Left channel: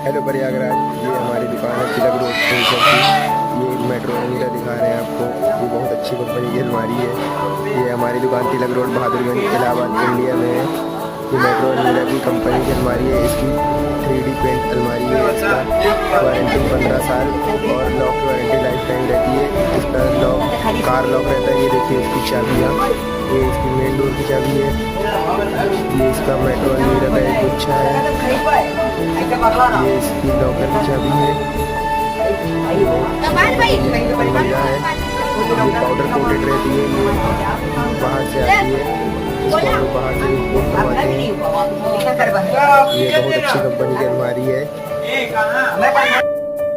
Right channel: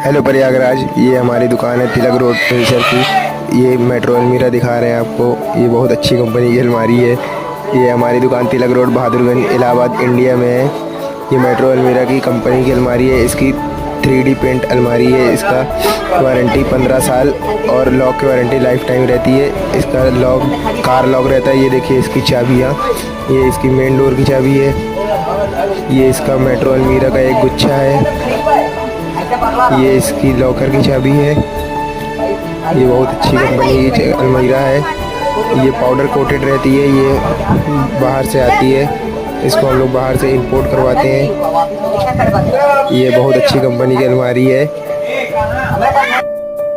Hello Prayagraj, ये हमारी दुकान है तिलक रोड फर्नीचर की। ये मेट्रो अलमीरा दिखा रहे हैं आपको। ये बहुत अच्छी कंपनी की अलमारी है। ये हमारी दुकान तिलक रोड बहादुरगंज इलाहाबाद इंडिया में है। ये मेट्रो अलमीरा की कंपनी की अलमारी है। इसकी 3D पेंट अलमारी है। इसका वारंटी 15 साल और लॉक की वारंटी लाइफ टाइम रहती है। इसका लॉक कार लॉक रहता है। ये देखिए इसकी चाबियाँ, ये इसकी मेन डोर की चाबी है। ये इसका मेट्रो अलमीरा का एक गुच्छा है। ये इसकी लॉकर की चाबी है। ये बहुत अच्छी कंपनी की अलमीरा है। ये पाउडर कोटेड रहती है। ये बाहर से आती है। इसको हम लोग बाहर से इंपोर्ट करवाते हैं। ये बहुत अच्छी कंपनी की अलमारी है।